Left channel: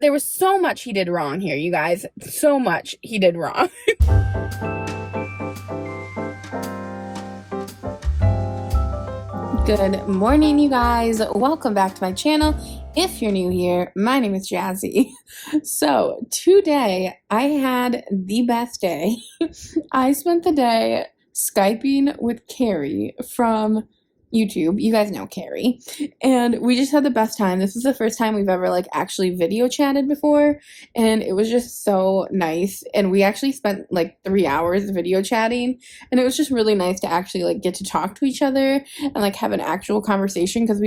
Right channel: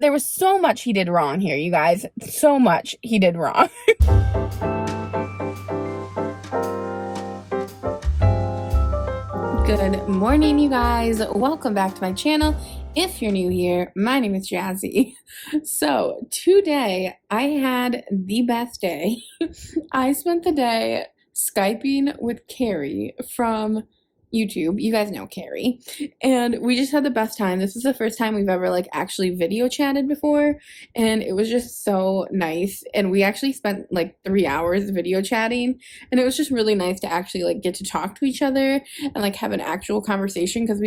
there was so much he did wrong here, you guys. So much he did wrong. Good morning, you guys. Welcome back to my channel. If you're new here, my name is Jazzy. So today I had the best day. I spent the day Skyping with Carrie from YouTube. You guys know Carrie. And we just had the best time. This was the first time we've ever like actually video chatted before, and it was just so nice. And we actually spent like 3 hours video chatting, and it was just really nice to actually like get to talk to each other and like have an actual conversation, because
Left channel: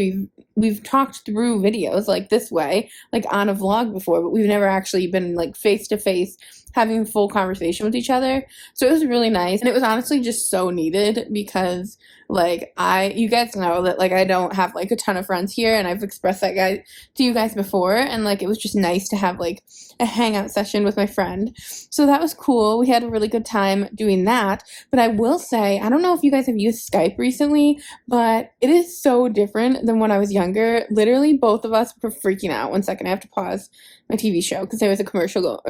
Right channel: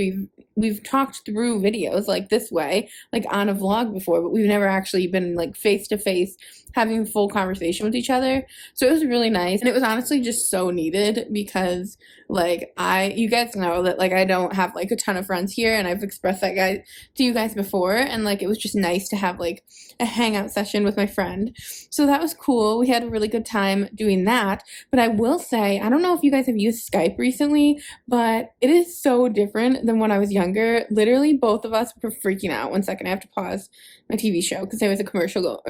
we've talked through videos like this way, like on a vlog before, but we've never actually been like face to face having a full conversation with each other. So it was really nice, and it was honestly just so needed, because like you guys know that like I don't have like a ton of friends here, and I've expressed that guy to you guys before, and like it was just nice to have like a hangout session with my friend. So that was cool. We had a really good time doing that. But I will say, I don't know if you guys have used Skype recently, but it is so different than when I was younger. Literally both of us were freaking out. One second, I have to pause my TV show because there was a commercial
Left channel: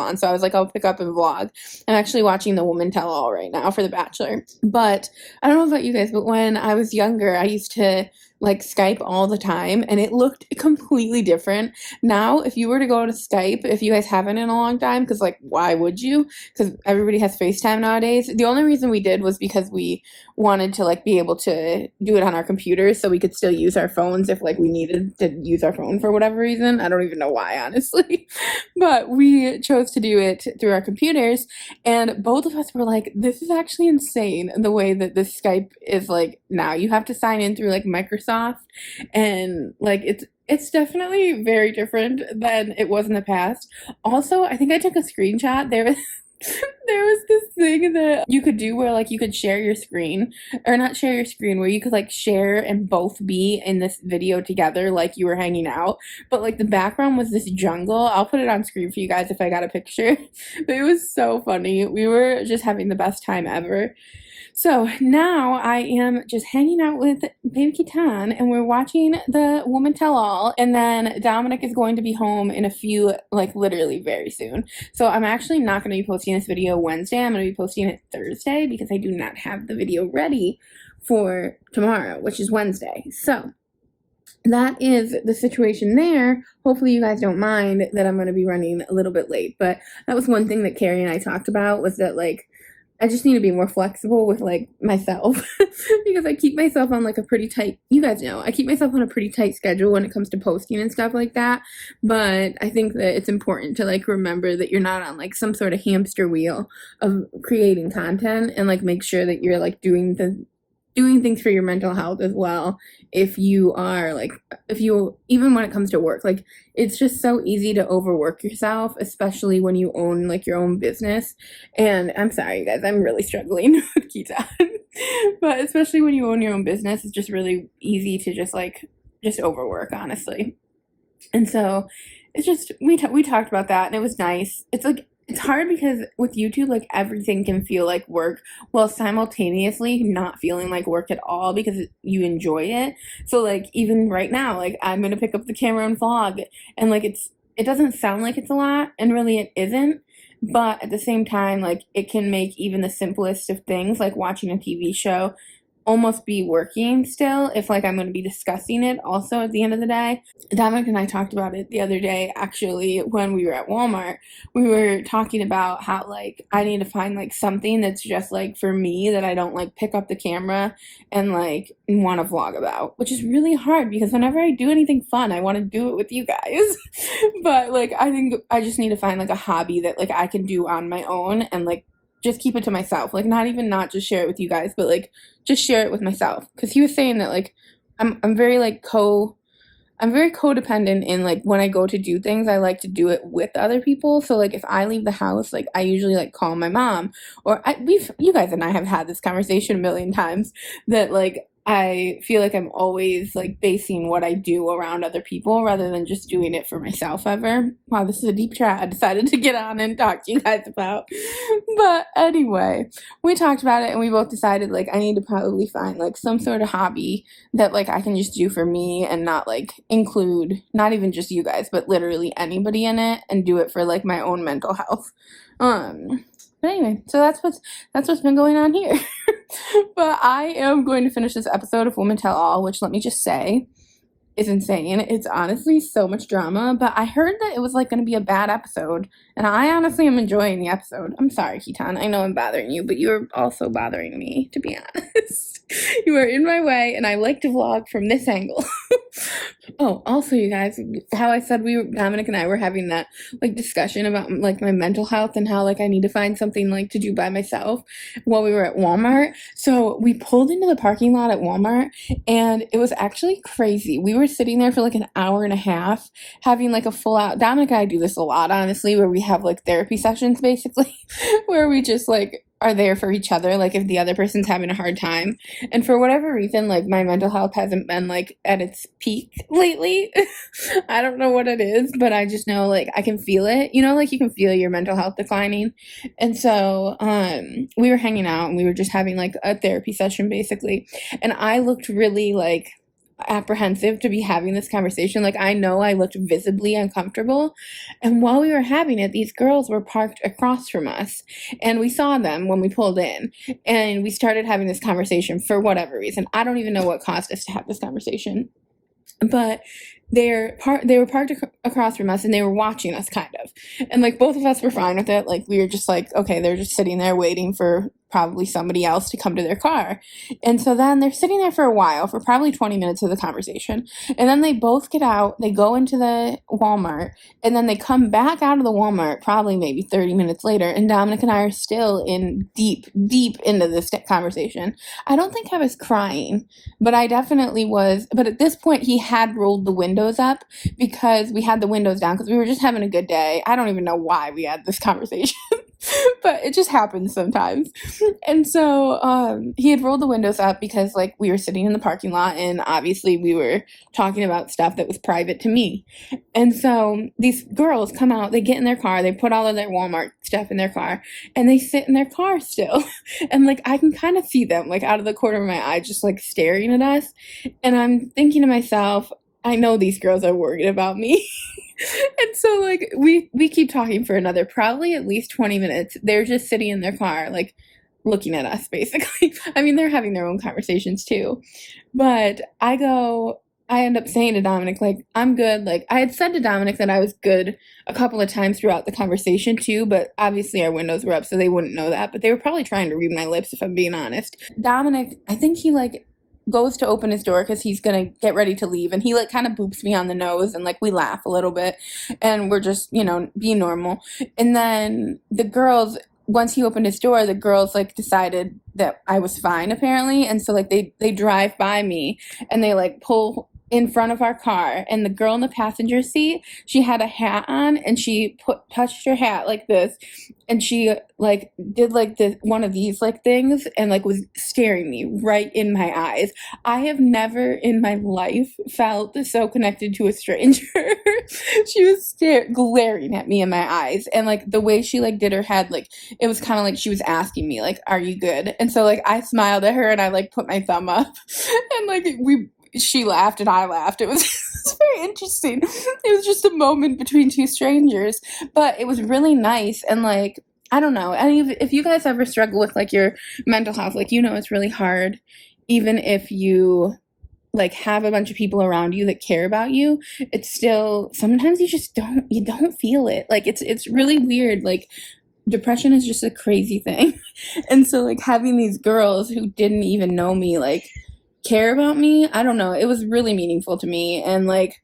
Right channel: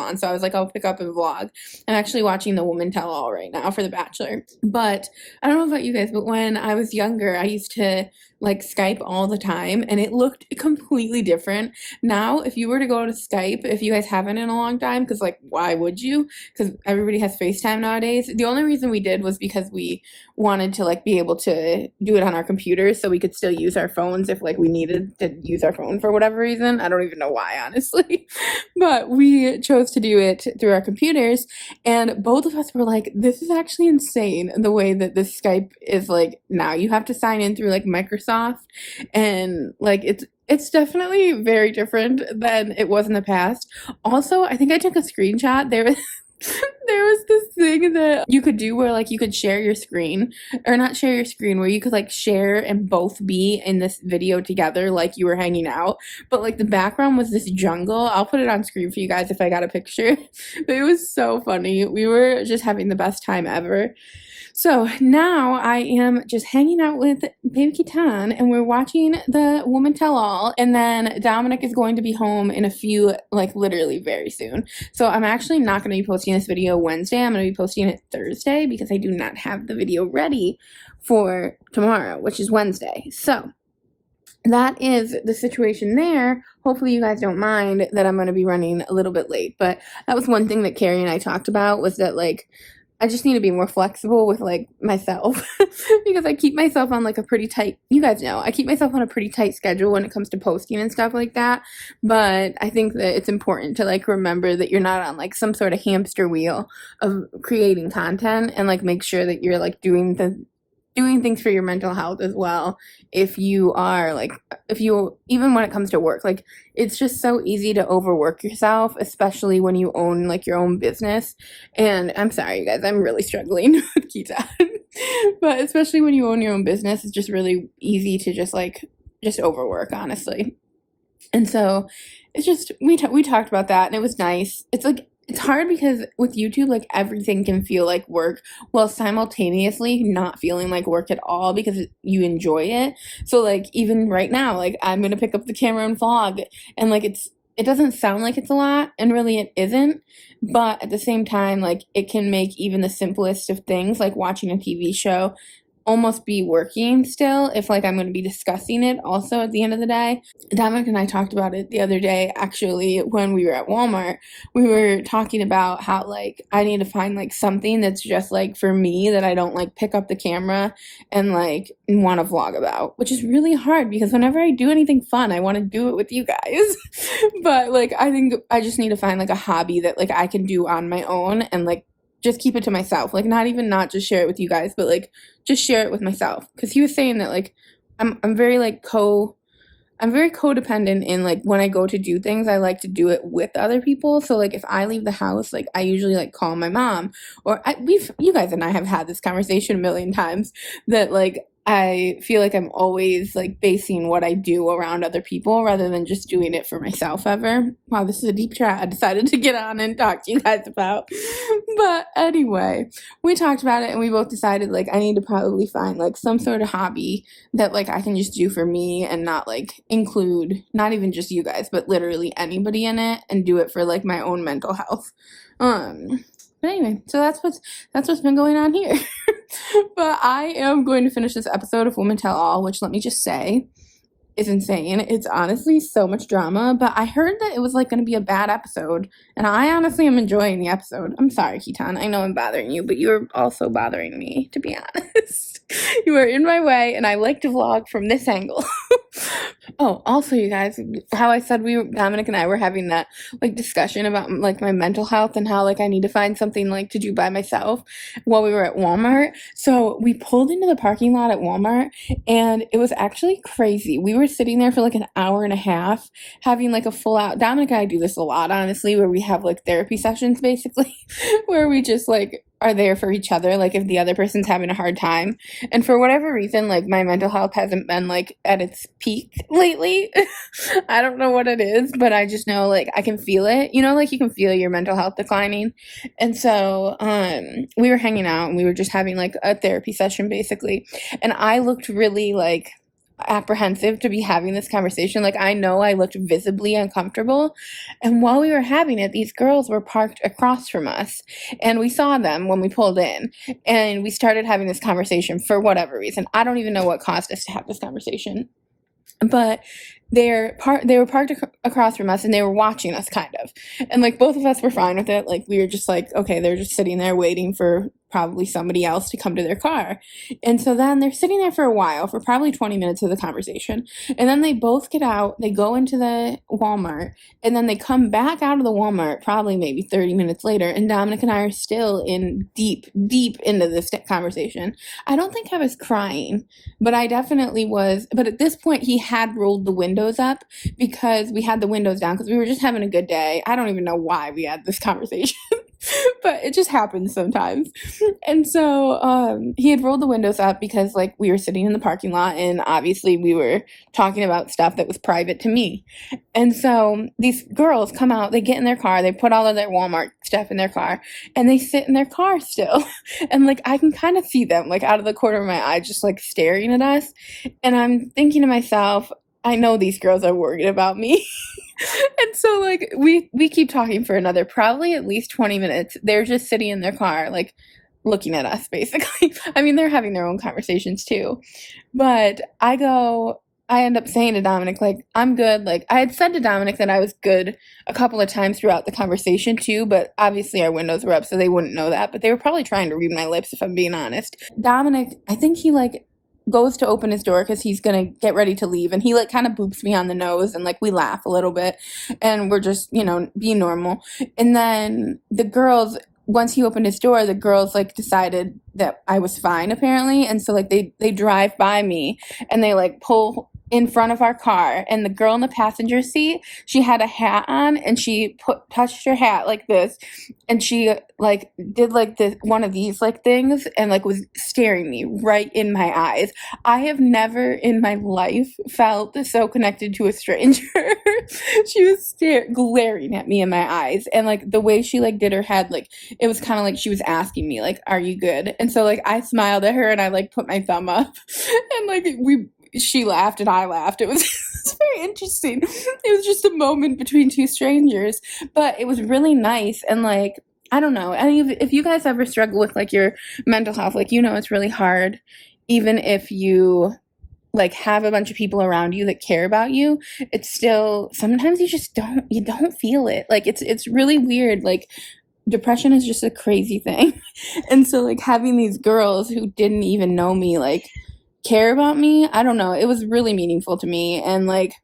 on, so I was like, I'll pick up and vlog. I'm actually watching The Woman Tell All right now for The Bachelor. But I don't know about you guys, but when I was younger, I used to like Skype all the time, and it looked completely different. Now, if you were to go to Skype, if you guys haven't in a long time, because like, why would you? Because everybody has FaceTime nowadays. The only reason we did was because we wanted to like be able to do it on our computers, so we could still use our phones if like we needed to use our phone for whatever reason. I don't even know why, honestly. But we chose to do it through our computers, and both of us were like, this is actually insane the way that this Skype is like now. You have to sign in through like Microsoft, and like it's definitely very different than it was in the past. Also, I think I took a screenshot. There was this thing that you could do where like you could share your screen, or not share your screen, where you could like share and both be in this video together like you were hanging out, but like the background was this jungle. I'll put it on screen for you guys if I got a picture. But it was so funny. We were just having the best time ever. So now I am just hanging out with Baby Kitan, and we're watching The Woman Tell All, and then Dominic is going to be home in a few, like literally very soon. So I'm actually not going to be posting this video Wednesday. I'm going to be posting it Thursday, because I do not have the video ready for tomorrow, which is Wednesday. So that is the situation there. Hopefully you guys don't mind that I'm going to be running a little bit late, but that was one thing that Carrie and I talked about, was that like I just need to be more flexible with like myself because I keep myself on like a pretty tight, you guys know, I keep myself on a pretty tight schedule when it comes to posting and stuff like that. But I think that it's important to like remember that you're not on like some sort of hamster wheel of creating content, and like make sure that you're like doing things for your mental health as well. If you are like, even when it comes to work, like it's just so easy to overwork yourself, especially when you own like your own business. And I'm sorry, you guys, I'm really struggling with Kita. But especially when you own your own business, it's just really easy to just overwork, honestly. And so it's just, we talked about that, and it was nice. It's like, it's hard because with YouTube, like everything can feel like work while simultaneously not feeling like work at all, because you enjoy it. So like even right now, like I'm going to pick up the camera and vlog, and like it doesn't sound like it's a lot, and really it isn't. But at the same time, like it can make even the simplest of things, like watching a TV show, almost be working still, if like I'm going to be discussing it also at the end of the day. Dominic and I talked about it the other day, actually, when we were at Walmart. We were talking about how like I need to find like something that's just like for me, that I don't like pick up the camera and like want to vlog about, which is really hard because whenever I do anything fun, I want to do it with you guys. But like I think I just need to find like a hobby that like I can do on my own, and like just keep it to myself, like not just share it with you guys, but like just share it with myself. Because he was saying that like I'm very like I'm very codependent in like when I go to do things, I like to do it with other people. So like if I leave the house, like I usually like call my mom, or you guys and I have had this conversation a million times, that like I feel like I'm always like basing what I do around other people rather than just doing it for myself ever. Wow, this is a deep chat I decided to get on and talk to you guys about. But anyway, we talked about it and we both decided like I need to probably find like some sort of hobby that like I can just do for me and not like include not even just you guys, but literally anybody in it and do it for like my own mental health. But anyway, so that's what's been going on here. But I am going to finish this episode of Women Tell All, which let me just say is insane. It's honestly so much drama, but I heard that it was like going to be a bad episode, and I honestly am enjoying the episode. I'm sorry, Keaton. I know I'm bothering you, but you're also bothering me, to be honest. You are in my way, and I like to vlog from this angle. Oh, also, you guys, how I said Dominic and I were having that like discussion about like my mental health and how like I need to find something like to do by myself while we were at Walmart. So we pulled into the parking lot at Walmart, and it was actually crazy. We were sitting there for like an hour and a half having like a full out. Dominic and I do this a lot, honestly, where we have like therapy sessions basically, where we just like are there for each other, like if the other person's having a hard time. And for whatever reason, like my mental health hasn't been like at its peak lately. I don't know what it is, but I just know like I can feel it. You know, like you can feel your mental health declining. And so we were hanging out and we were just having like a therapy session basically. And I looked really like apprehensive to be having this conversation. Like I know I looked visibly uncomfortable. And while we were having it, these girls were parked across from us. And we saw them when we pulled in. And we started having this conversation for whatever reason. I don't even know what caused us to have this conversation. But they were parked across from us and they were watching us kind of. And like both of us were fine with it. Like we were just like, okay, they're just sitting there waiting for probably somebody else to come to their car. And so then they're sitting there for a while, for probably 20 minutes of the conversation. And then they both get out, they go into the Walmart, and then they come back out of the Walmart probably maybe 30 minutes later. And Dominic and I are still in deep into this conversation. I don't think I was crying, but I definitely was. But at this point, he had rolled the windows up because we had the windows down because we were just having a good day. I don't even know why we had this conversation. But it just happens sometimes. And so he had rolled the windows up because like we were sitting in the parking lot and obviously we were talking about stuff that was private to me. And so these girls come out, they get in their car, they put all of their Walmart stuff in their car, and they sit in their car still. And like I can kind of see them like out of the corner of my eye just like staring at us. And I'm thinking to myself, I know these girls are worried about me. And so like we keep talking for another probably at least 20 minutes. They're just sitting in their car like looking at us basically. I mean, they're having their own conversations too. But I end up saying to Dominic, like, I'm good. Like I had said to Dominic that I was good a couple of times throughout the conversation too, but obviously our windows were up so they wouldn't know that. But they were probably trying to read my lips if I'm being honest. Dominic, I think he like goes to open his door because he's gonna get ready to leave, and he like kind of boops me on the nose, and like we laugh a little bit and we're just, you know, being normal. And then the girls, once he opened his door, the girls like decided that I was fine apparently, and so like they drive by me and they like pull in front of our car, and the girl in the passenger seat, she had a hat on and she touched her hat like this, and she like did like this one of these like things and like was staring me right in my eyes. I have never in my life felt so connected to a stranger. She was glaring at me in my eyes, and like the way she like did her head, like it was kind of like she was asking me like, are you good? And so like I smiled at her and I like put my thumb up and like she laughed and I laughed. It was, it was very interesting. It was just a moment between two strangers, but it was really nice. And like, I don't know, if you guys ever struggle with like your mental health, like, you know, it's really hard, even if you like have a bunch of people around you that care about you, it's still, sometimes you don't feel it. Like it's really weird. Like depression is just a crazy thing. And so like having these girls who didn't even know me, like care about me, I don't know, it was really meaningful to me. And like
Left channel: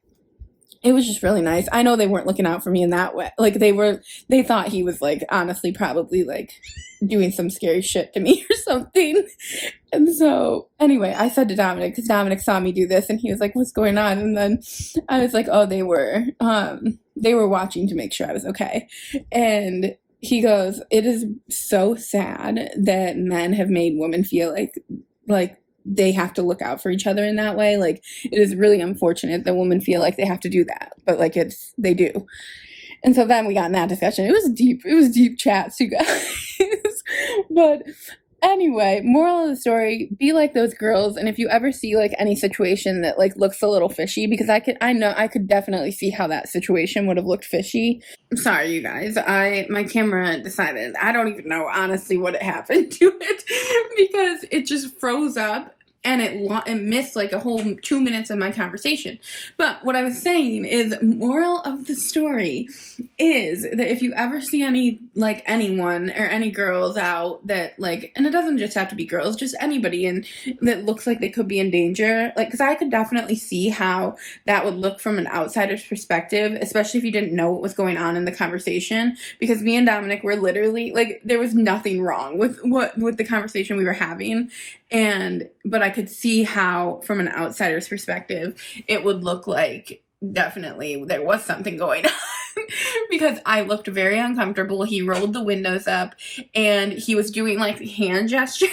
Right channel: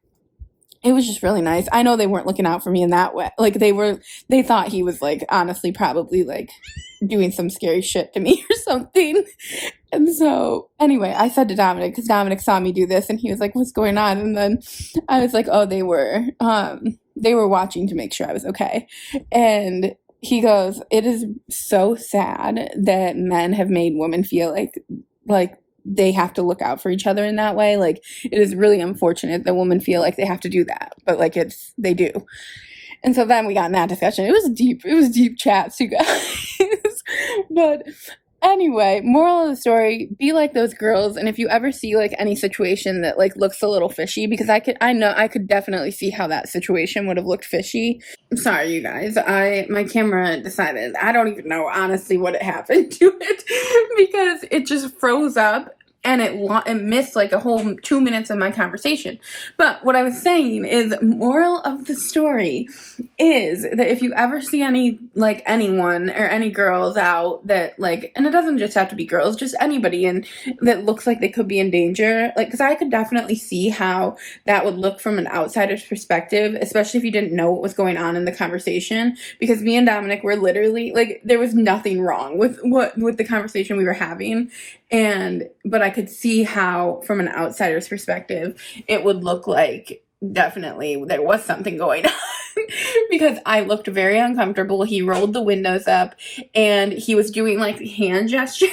it was just really nice. I know they weren't looking out for me in that way. Like they thought he was like honestly probably like doing some scary shit to me or something. And so anyway, I said to Dominic, because Dominic saw me do this and he was like, what's going on? And then I was like, oh, they were watching to make sure I was okay. And he goes, it is so sad that men have made women feel like they have to look out for each other in that way. Like, it is really unfortunate that women feel like they have to do that, but like they do. And so then we got in that discussion. It was deep chats, you guys. But anyway, moral of the story, be like those girls. And if you ever see like any situation that like looks a little fishy, because I know I could definitely see how that situation would have looked fishy. I'm sorry, you guys. My camera decided, I don't even know honestly what happened to it, because it just froze up and it missed like a whole 2 minutes of my conversation. But what I was saying is, moral of the story is that if you ever see anyone or any girls out that like, and it doesn't just have to be girls, just anybody and that looks like they could be in danger, like, because I could definitely see how that would look from an outsider's perspective, especially if you didn't know what was going on in the conversation, because me and Dominic were literally like, there was nothing wrong with the conversation we were having, but I could see how from an outsider's perspective it would look like definitely there was something going on. Because I looked very uncomfortable. He rolled the windows up and he was doing like hand gestures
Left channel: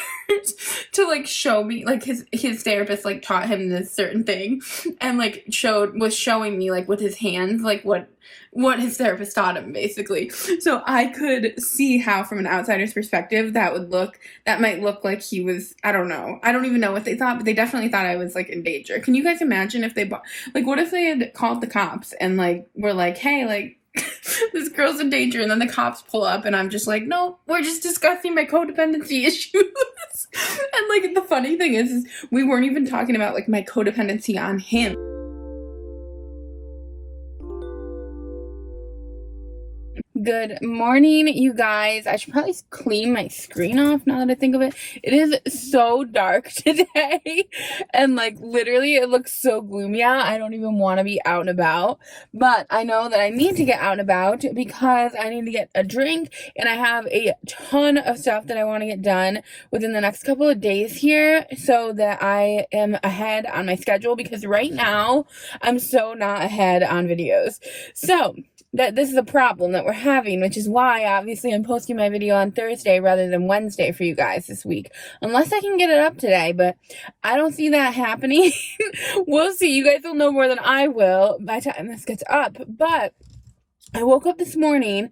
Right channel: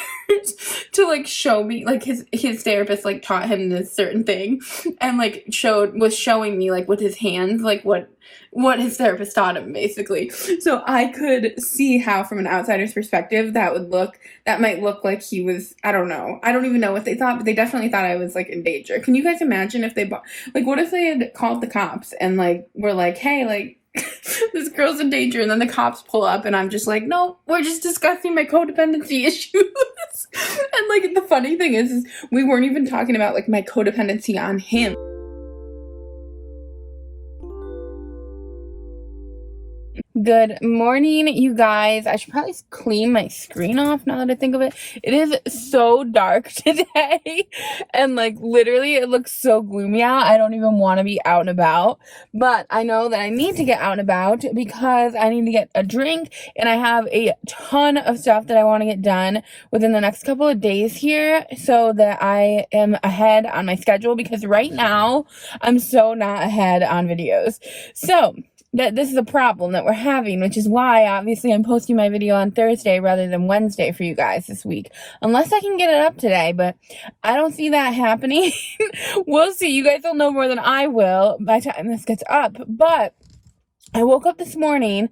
to like show me, like his therapist like taught him this certain thing and like was showing me like with his hands like what his therapist taught him, basically. So I could see how from an outsider's perspective that might look like he was, I don't know. I don't even know what they thought, but they definitely thought I was like in danger. Can you guys imagine if what if they had called the cops and like were like, hey, like this girl's in danger, and then the cops pull up and I'm just like, no, we're just discussing my codependency issues. And like the funny thing is we weren't even talking about like my codependency on him. Good morning, you guys. I should probably clean my screen off now that I think of it. It is so dark today and like literally it looks so gloomy out. I don't even want to be out and about, but I know that I need to get out and about because I need to get a drink and I have a ton of stuff that I want to get done within the next couple of days here so that I am ahead on my schedule, because right now I'm so not ahead on videos. So this is a problem that we're having, which is why obviously I'm posting my video on Thursday rather than Wednesday for you guys this week, unless I can get it up today, but I don't see that happening. We'll see. You guys will know more than I will by the time this gets up. But I woke up this morning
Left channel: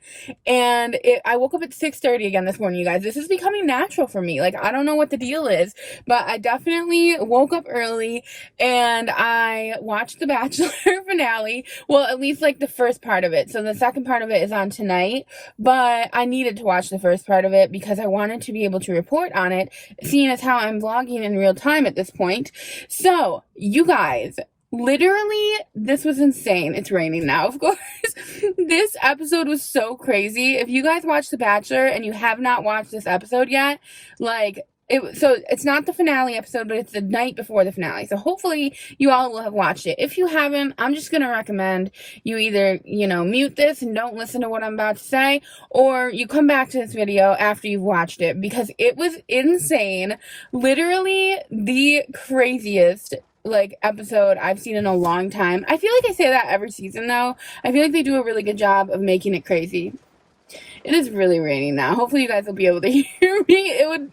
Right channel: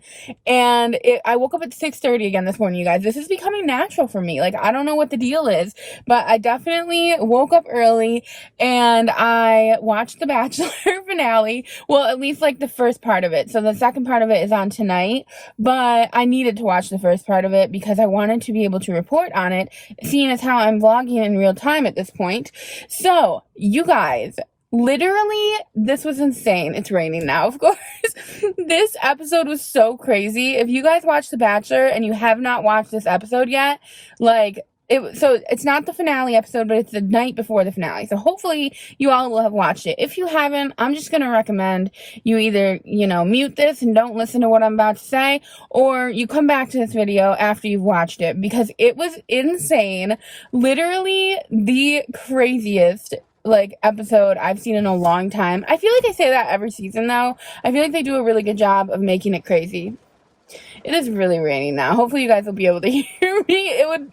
and I woke up at 6:30 again this morning, you guys. This is becoming natural for me. Like, I don't know what the deal is, but I definitely woke up early and I watched the Bachelor finale. Well, at least like the first part of it. So the second part of it is on tonight, but I needed to watch the first part of it because I wanted to be able to report on it, seeing as how I'm vlogging in real time at this point. So, you guys, literally, this was insane. It's raining now, of course. This episode was so crazy. If you guys watched The Bachelor and you have not watched this episode yet, like, so it's not the finale episode, but it's the night before the finale. So hopefully you all will have watched it. If you haven't, I'm just going to recommend you either, mute this and don't listen to what I'm about to say, or you come back to this video after you've watched it, because it was insane. Literally the craziest episode I've seen in a long time. I feel like I say that every season though. I feel like they do a really good job of making it crazy. It is really raining now. Hopefully you guys will be able to hear me.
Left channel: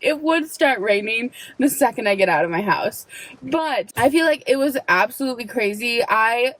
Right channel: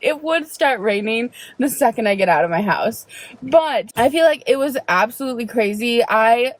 It would start raining the second I get out of my house. But I feel like it was absolutely crazy.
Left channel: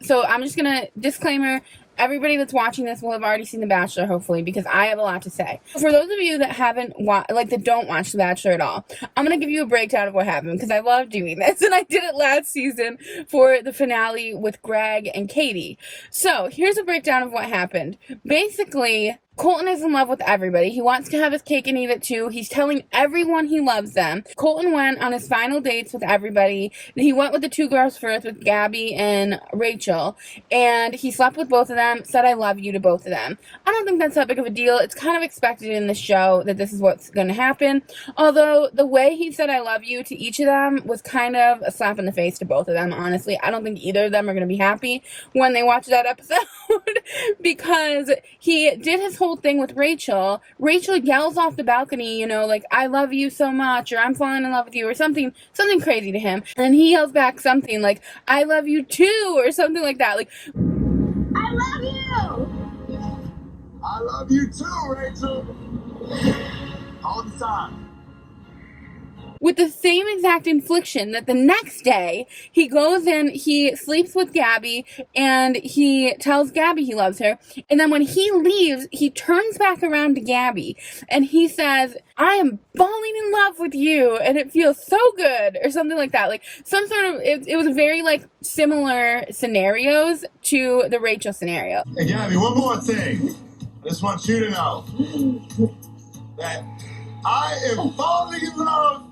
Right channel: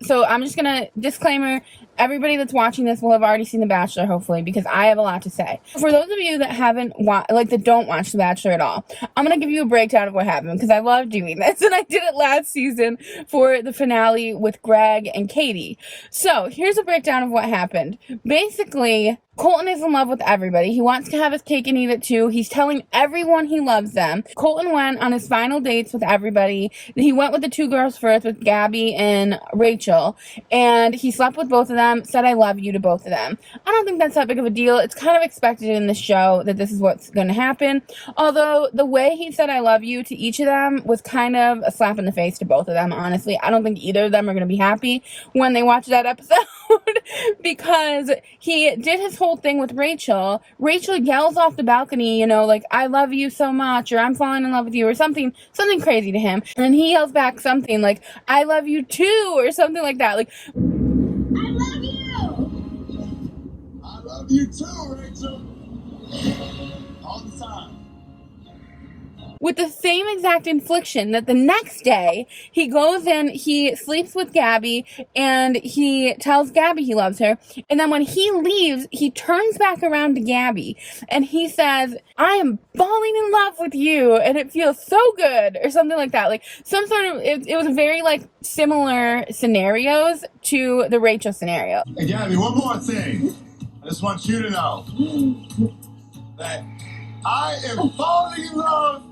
So I'm just gonna disclaimer, everybody that's watching this will have already seen The Bachelor, hopefully, because I have a lot to say. For those of you that that don't watch The Bachelor at all, I'm going to give you a breakdown of what happened, because I love doing this, and I did it last season for the finale with Greg and Katie. So, here's a breakdown of what happened. Basically, Colton is in love with everybody. He wants to have his cake and eat it too. He's telling everyone he loves them. Colton went on his final dates with everybody. He went with the two girls first, with Gabby and Rachel, and he slept with both of them, said I love you to both of them. I don't think that's that big of a deal. It's kind of expected in the show that this is what's going to happen. Although the way he said I love you to each of them was kind of a slap in the face to both of them, honestly. I don't think either of them are going to be happy when they watch that episode because he did his whole thing with Rachel. Rachel yells off the balcony, like, I love you so much, or I'm falling in love with you, or something crazy to him. And he yells back something like, I love you too, or something like that. Like, I love you! I love you too, Rachel! All the time. with the same exact infliction that the next day he goes in, he sleeps with Gabby, and he tells Gabby he loves her. And then when he leaves, he turns back around to Gabby and he says, I am falling in love with you and it feels so good, or something like that. Like some sort of, it was very like similar scenarios to the Rachel scenario. Hey, Gabby, one more thing. I just want you to know that I am falling in love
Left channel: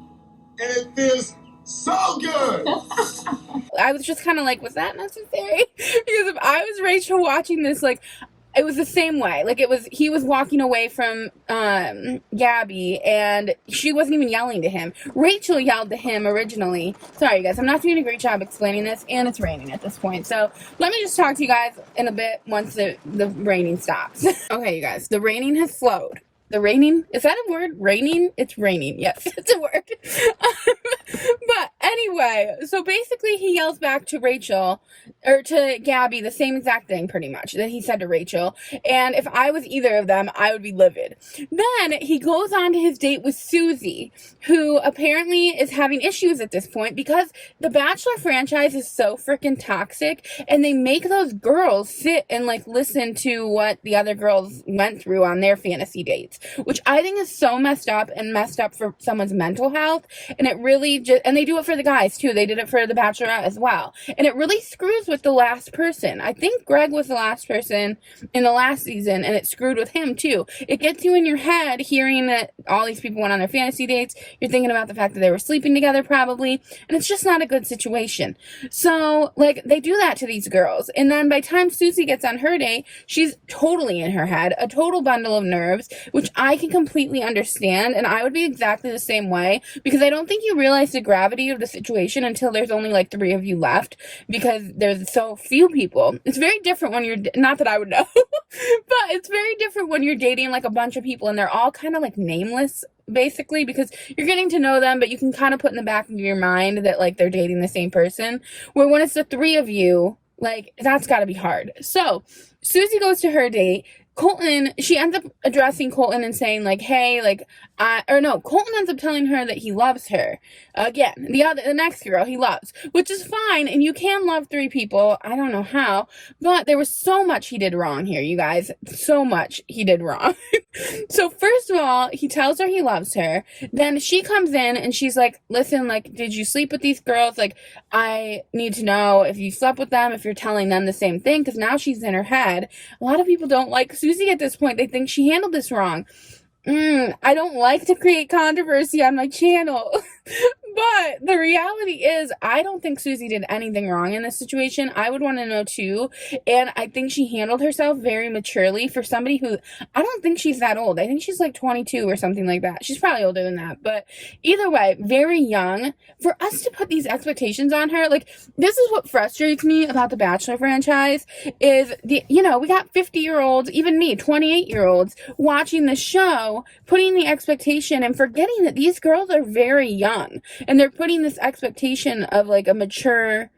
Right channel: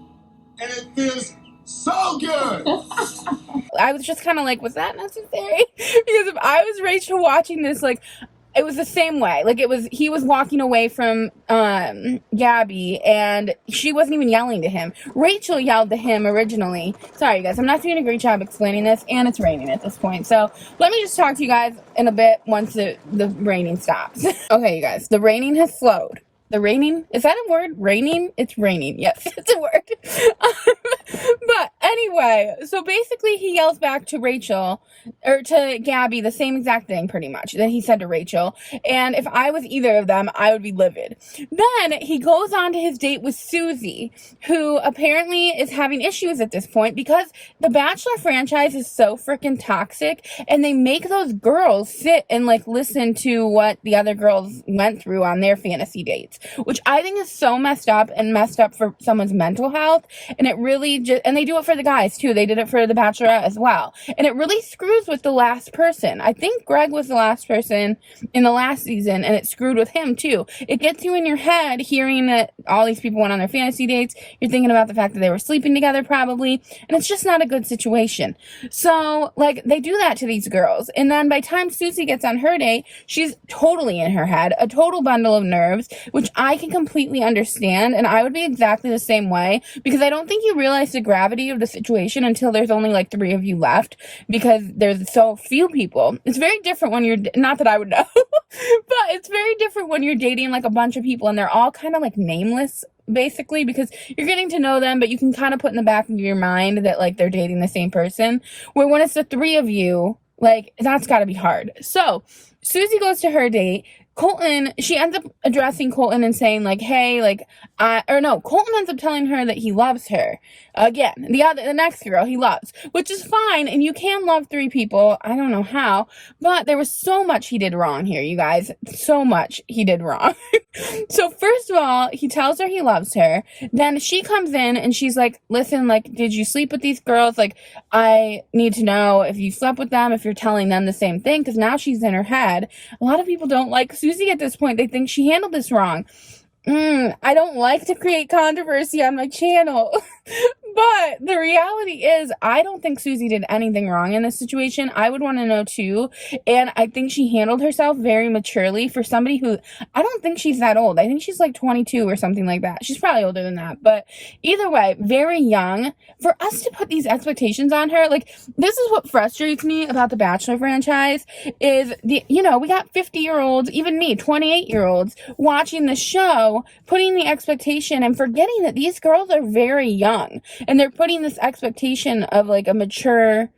and it feels so good. I was just kind of like, was that necessary? Because if I was Rachel watching this, like, it was the same way. Like, he was walking away from Gabby, and she wasn't even yelling to him. Rachel yelled to him originally. Sorry, you guys, I'm not doing a great job explaining this, and it's raining at this point. So let me just talk to you guys in a bit once the raining stops. Okay, you guys, the raining has slowed. The raining, is that a word? Raining? It's raining. Yes, it's a word. But anyway, so basically he yells back to Rachel, or to Gabby, the same exact thing pretty much that he said to Rachel. And if I was either of them, I would be livid. Then he goes on to his date with Susie, who apparently is having issues at this point because the Bachelor franchise is so freaking toxic, and they make those girls sit and like listen to what the other girls went through on their fantasy dates, which I think is so messed up for someone's mental health. And it really just, and they do it for the guys too. They did it for the Bachelorette as well. And it really screws with the last person. I think Greg was the last person in the last season, and it screwed with him too. It gets you in your head hearing that all these people went on their fantasy dates. You're thinking about the fact that they were sleeping together probably, and it's just not a good situation. So like they do that to these girls. And then by the time Susie gets on her date, she's totally in her head, a total bundle of nerves, which I can completely understand. And I would be exactly the same way, because I don't think you realize the gravity of the situation until there's only like 3 of you left, because there's so few people. It's very different when you're, not that I would know, but it's very different when you're dating like a bunch of people and they're all kind of like nameless, basically, because you're getting to know them, but you can kind of put in the back of your mind that like they're dating the same person. Where when it's the 3 of you, like that's got to be hard. So Susie goes to her date. Colton, she ends up addressing Colton and saying like, hey, like, Colton ends up telling her that he loves her. Again, the next girl he loves, which is fine. And you can love 3 people. I don't know how, but there was so much he did wrong here, you guys. So much he did wrong. So first of all, he tells her he loves her. Then she comes in and she's like, listen, like, did you sleep with these girls? Like, I need to know if you slept with them, if you're telling them the same thing, because now she's in her head. A lot of people don't like Susie at this point. They think she handled this wrong. I don't like to create controversy on my channel. But the reality is, I don't think Susie did anything wrong in this situation. I would want to know too. And I think she handled herself very maturely for somebody who, I don't think she's that old. I think she's like 22 or something like that. She's probably older than that. But either way, very young. For us to put these expectations on her, like, this is what frustrates me about the Bachelor franchise is we got 50-year-olds, even me, 28-year-olds watching the show, putting the expectation and forgetting that these girls are very young. And they're putting this expectation of like a mature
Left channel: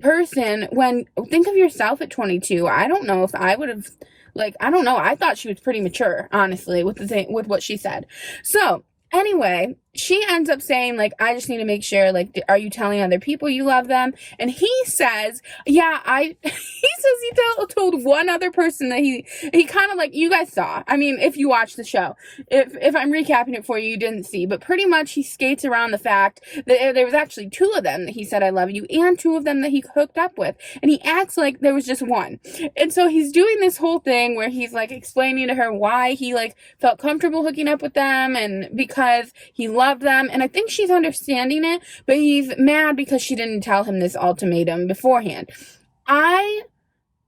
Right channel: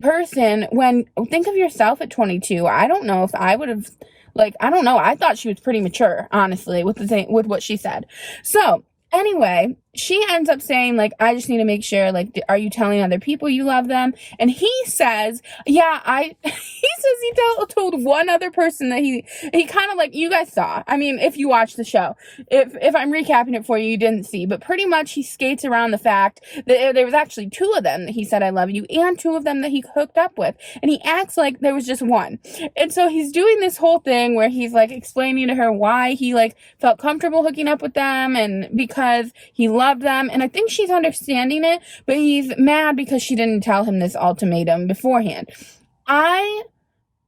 person when, think of yourself at 22. I don't know if I would have, like, I don't know. I thought she was pretty mature, honestly, with what she said. So anyway, she ends up saying, like, I just need to make sure, like, are you telling other people you love them? And he says, yeah, he says he told one other person that he kind of, like, you guys saw. I mean, if you watch the show, if I'm recapping it for you, you didn't see, but pretty much he skates around the fact that there was actually 2 of them that he said, I love you, and 2 of them that he hooked up with. And he acts like there was just one. And so he's doing this whole thing where he's, like, explaining to her why he, like, felt comfortable hooking up with them, and because he loved them, and I think she's understanding it, but he's mad because she didn't tell him this ultimatum beforehand.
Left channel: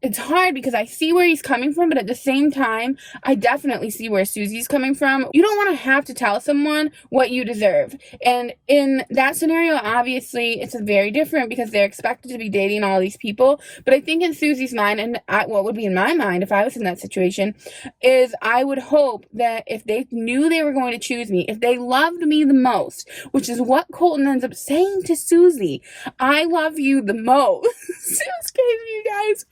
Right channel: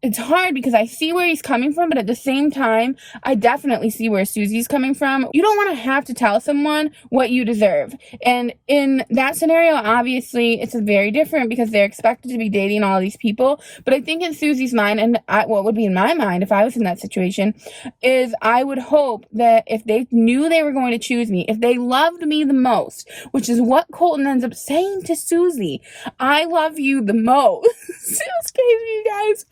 It's hard because I see where he's coming from, but at the same time, I definitely see where Susie's coming from. You don't want to have to tell someone what you deserve. And in that scenario, obviously, it's very different because they're expected to be dating all these people. But I think in Susie's mind, and what would be in my mind if I was in that situation, is I would hope that if they knew they were going to choose me, if they loved me the most, which is what Colton ends up saying to Susie, I love you the most. It's crazy, you guys.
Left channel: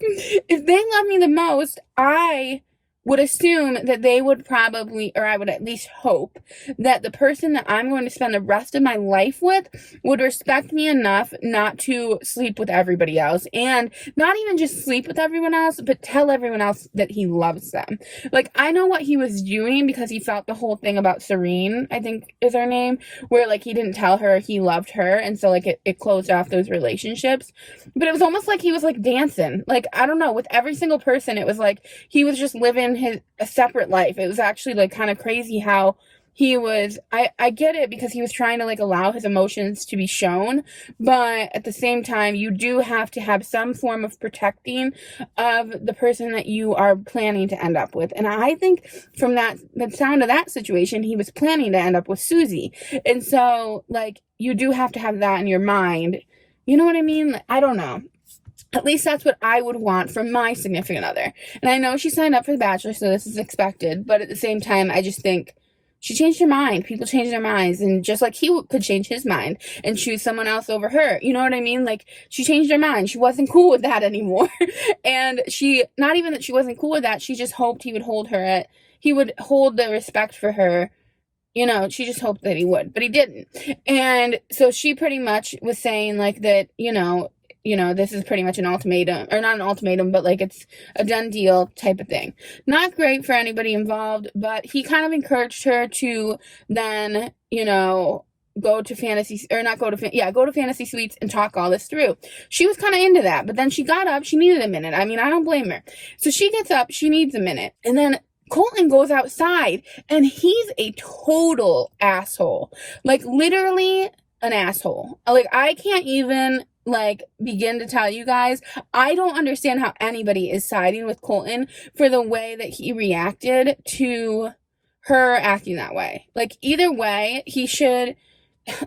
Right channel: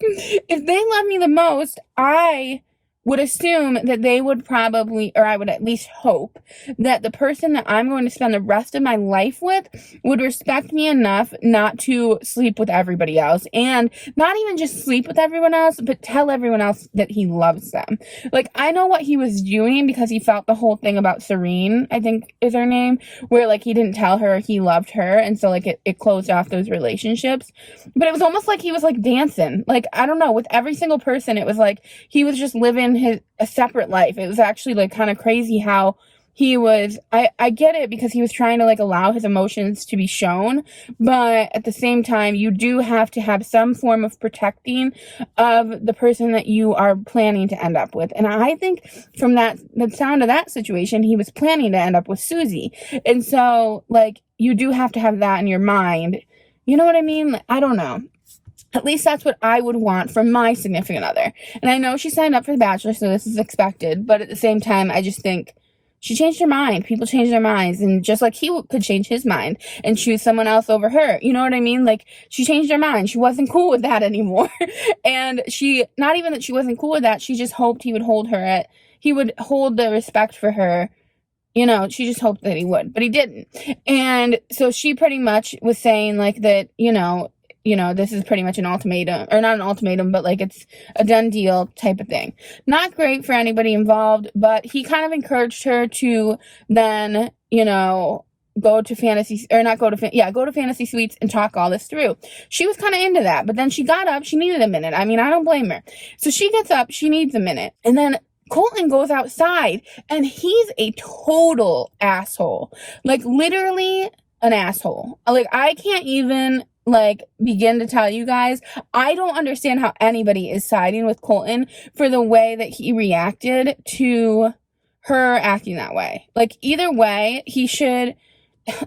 If they love me the most, I would assume that they would probably, or I would at least hope, that the person that I'm going to spend the rest of my life with would respect me enough not to sleep with everybody else, and not even just sleep with everyone else, but tell everyone else that he loves them. Like, I know what he was doing because he felt the whole thing about Serene, I think is her name, where like he didn't tell her he loved her, and so like it closed off those relationships. But it was almost like he was like dancing. Like, I don't know, with every single person, it was like he was just living a separate life. It was actually like kind of crazy how he was, I get it because he was trying to like allow his emotions to be shown, but at the same time, you do have to have some form of protecting of the person that you are planning to end up with. And I think from the sound of that situation, he was planning to end up with Susie. And so like, you do have to have that in your mind. You know what I mean? I don't know. At least that's what I would want from my significant other. And I know she signed up for The Bachelor, so this is expected. But at the same time, I just think she changed her mind. People change their minds. And just like he could change his mind and choose someone else over her. You know what I mean? Like, she changed her mind. She wasn't cool with that anymore. And not even that she wasn't cool with that, she just hoped he would hold the respect for her. You know, she just hoped that he would, but he didn't. And so she pretty much was saying like that, this is pretty much an ultimatum, or not an ultimatum, but like it's a done deal type of thing. Not great for anybody involved, but he kind of encouraged her to then, go to fantasy suites and talk all this through. She was kind of into that, but then she got up, she needed a minute. I mean, I don't blame her. So she gets up, she needs a minute. And then Colton goes outside and he's a total asshole. Like, literally an asshole. Like, I can't even begin to tell you guys. I don't understand how anybody is siding with Colton for the way that he reacted to her acting that way. Like, either way, he should,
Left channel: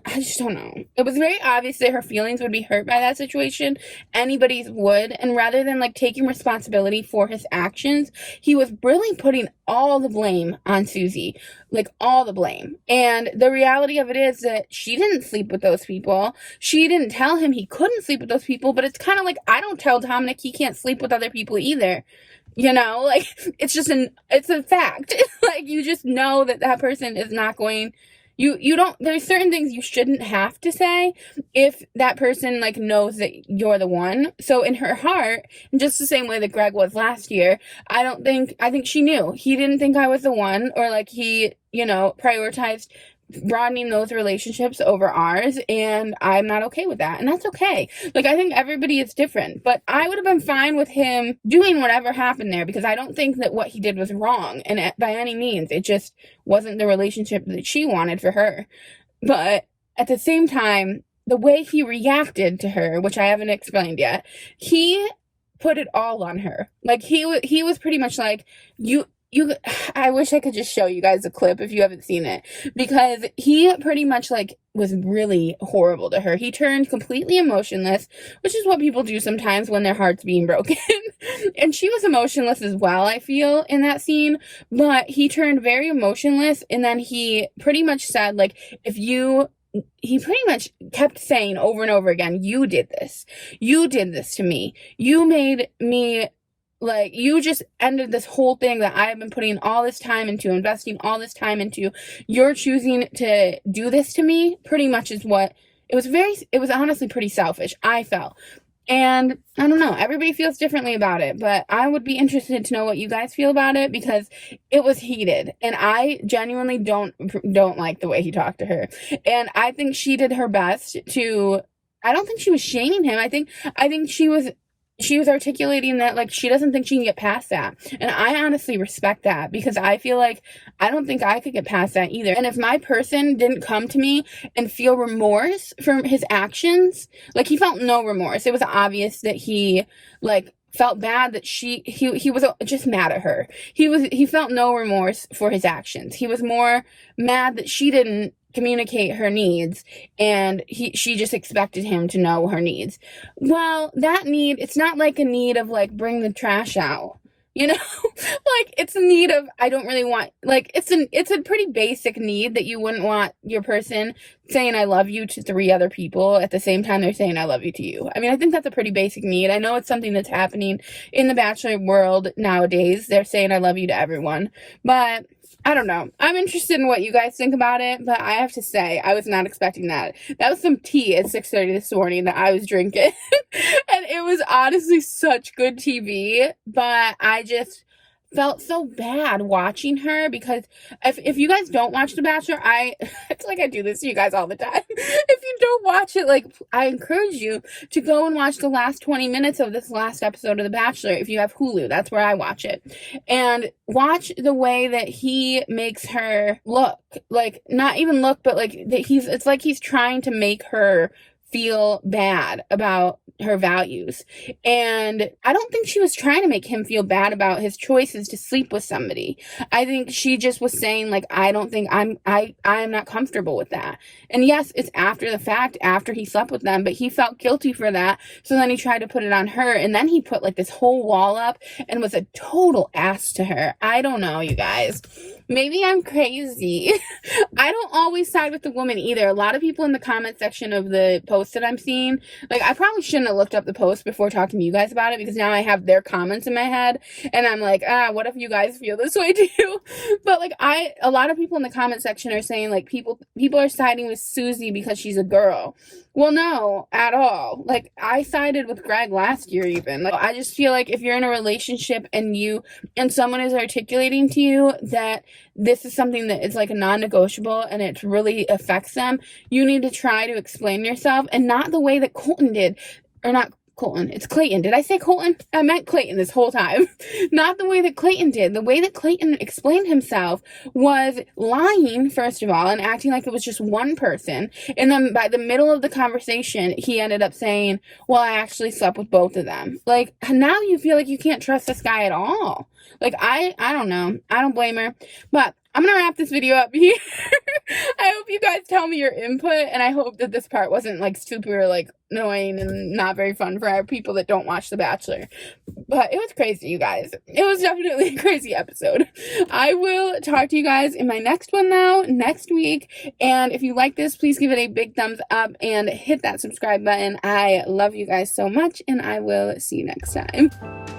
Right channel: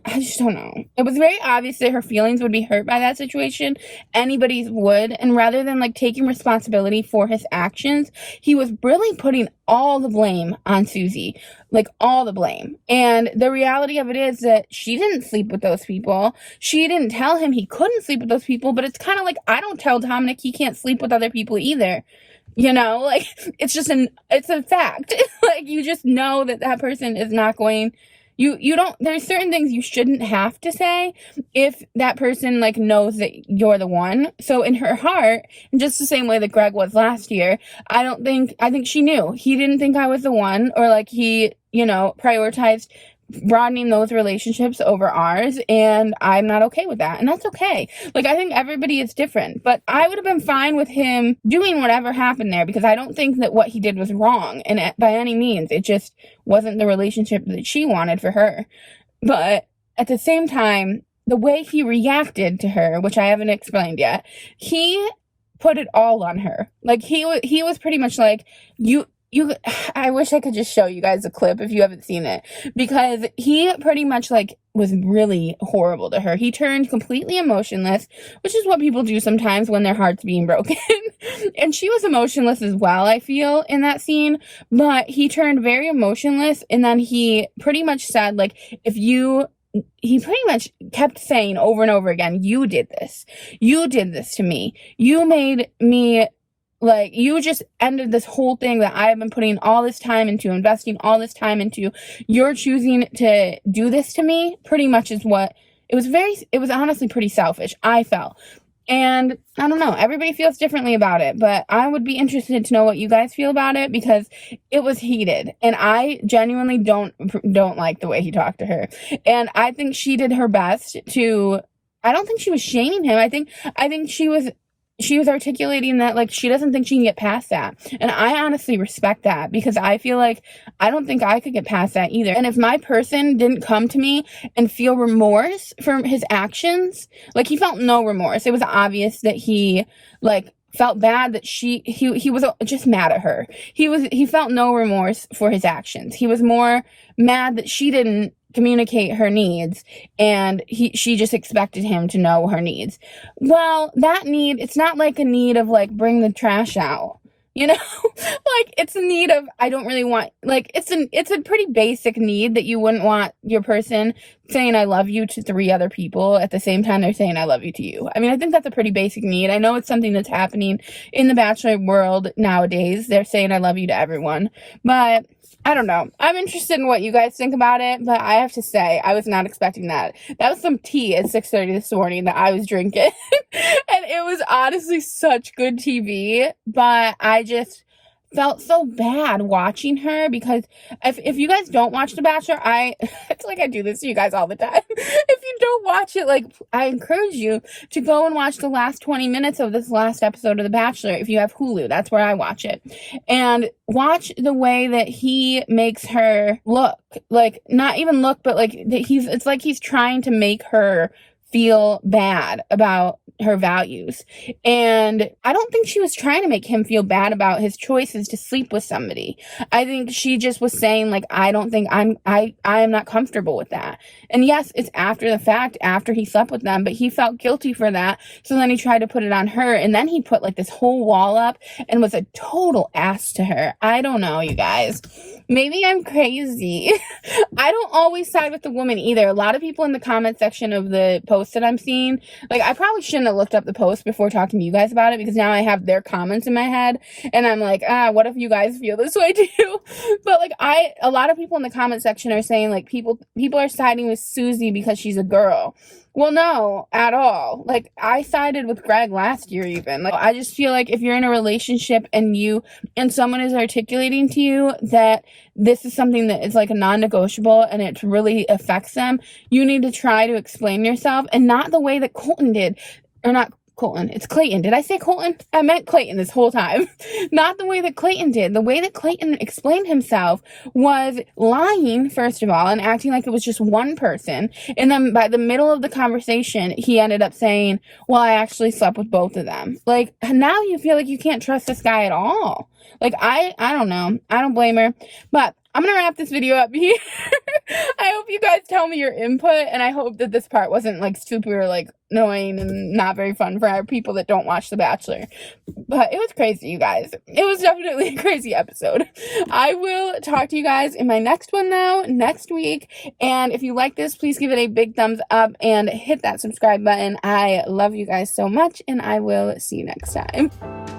I just don't know. It was very obvious that her feelings would be hurt by that situation. Anybody's would. And rather than taking responsibility for his actions, he was really putting all the blame on Susie. Like, all the blame. And the reality of it is that she didn't sleep with those people. She didn't tell him he couldn't sleep with those people. But it's kind of like, I don't tell Dominic he can't sleep with other people either. It's just it's a fact. You just know that person is not going. You don't, there's certain things you shouldn't have to say if that person knows that you're the one. So in her heart, just the same way that Greg was last year, I think she knew he didn't think I was the one, or he, prioritized broadening those relationships over ours, and I'm not okay with that, and that's okay. I think everybody is different, but I would have been fine with him doing whatever happened there, because I don't think that what he did was wrong, and by any means, it just wasn't the relationship that she wanted for her. But at the same time, the way he reacted to her, which I haven't explained yet, he put it all on her. He was pretty much like, I wish I could just show you guys a clip if you haven't seen it, because he pretty much was really horrible to her. He turned completely emotionless, which is what people do sometimes when their heart's being broken. And she was emotionless as well, I feel, in that scene, but he turned very emotionless, and then he pretty much said, he pretty much kept saying over and over again, you did this to me, you made me, you just ended this whole thing that I've been putting all this time into, investing all this time into. You're choosing to do this to me, pretty much is what, it was honestly pretty selfish, I felt. And I don't know, everybody feels differently about it, but I would be interested to know what you guys feel about it, because it was heated, and I genuinely don't like the way he talked to her. And I think she did her best to, I don't think she was shaming him. I think she was articulating that she doesn't think she can get past that. And I honestly respect that, because I feel I don't think I could get past that either. And if my person didn't come to me and feel remorse for his actions, he felt no remorse. It was obvious that he felt bad that he was just mad at her. He felt no remorse for his actions. He was more mad that she didn't communicate her needs, and she just expected him to know her needs. Well, that need, it's not a need of bring the trash out. You know, like it's a need of, I don't really want, like it's a pretty basic need that you wouldn't want your person saying I love you to 3 other people at the same time they're saying I love you to you. I mean, I think that's a pretty basic need. I know it's something that's happening in the Bachelor world nowadays. They're saying I love you to everyone, but I don't know. I'm interested in what you guys think about it, but I have to say, I was not expecting that. That was some tea at 6:30 this morning that I was drinking. And it was honestly such good TV, but I just felt so bad watching her because if you guys don't watch The Bachelor, it's like I do this to you guys all the time. If you don't watch it, like I encourage you to go and watch the last 20 minutes of this last episode of The Bachelor if you have Hulu. That's where I watch it. And watch the way that he makes her look. Like not even look, but like that it's like he's trying to make her feel bad about her values. And I don't think she was trying to make him feel bad about his choices to sleep with somebody. I think she just was saying like, I don't think I am not comfortable with that. And yes, it's after the fact, after he slept with them, but he felt guilty for that. So then he tried to put it on her, and then he put like this whole wall up and was a total ass to her. I don't know, you guys. Maybe I'm crazy. I don't always side with the woman either. A lot of people in the comment section of the post that I'm seeing, like I probably shouldn't have looked up the post before talking to you guys about it, because now I have their comments in my head and I'm like, what if you guys feel this way too? But like a lot of people in the comment section are saying like people are siding with Susie because she's a girl. Well, no, at all. Like, I sided with Greg last year even. Like, I just feel like if you're in a relationship and someone is articulating to you that this is something that is like a non-negotiable and it really affects them, you need to try to explain yourself, and not the way that Colton did. Or not Colton, it's Clayton. Did I say Colton? I meant Clayton this whole time. Not the way that Clayton did. The way that Clayton explained himself was lying, first of all, and acting like it was just one person. And then by the middle of the conversation, he ended up saying, well, I actually slept with both of them. Like, now you feel like you can't trust this guy at all. Like, I don't know. I don't blame her. But I'm going to wrap this video up here. I hope you guys tell me your input, and I hope that this part wasn't like super like annoying and not very fun for people that don't watch The Bachelor. But it was crazy, you guys. It was definitely a crazy episode. I will talk to you guys in my next one though, next week. And if you like this, please give it a big thumbs up and hit that subscribe button. I love you guys so much, and I will see you next time.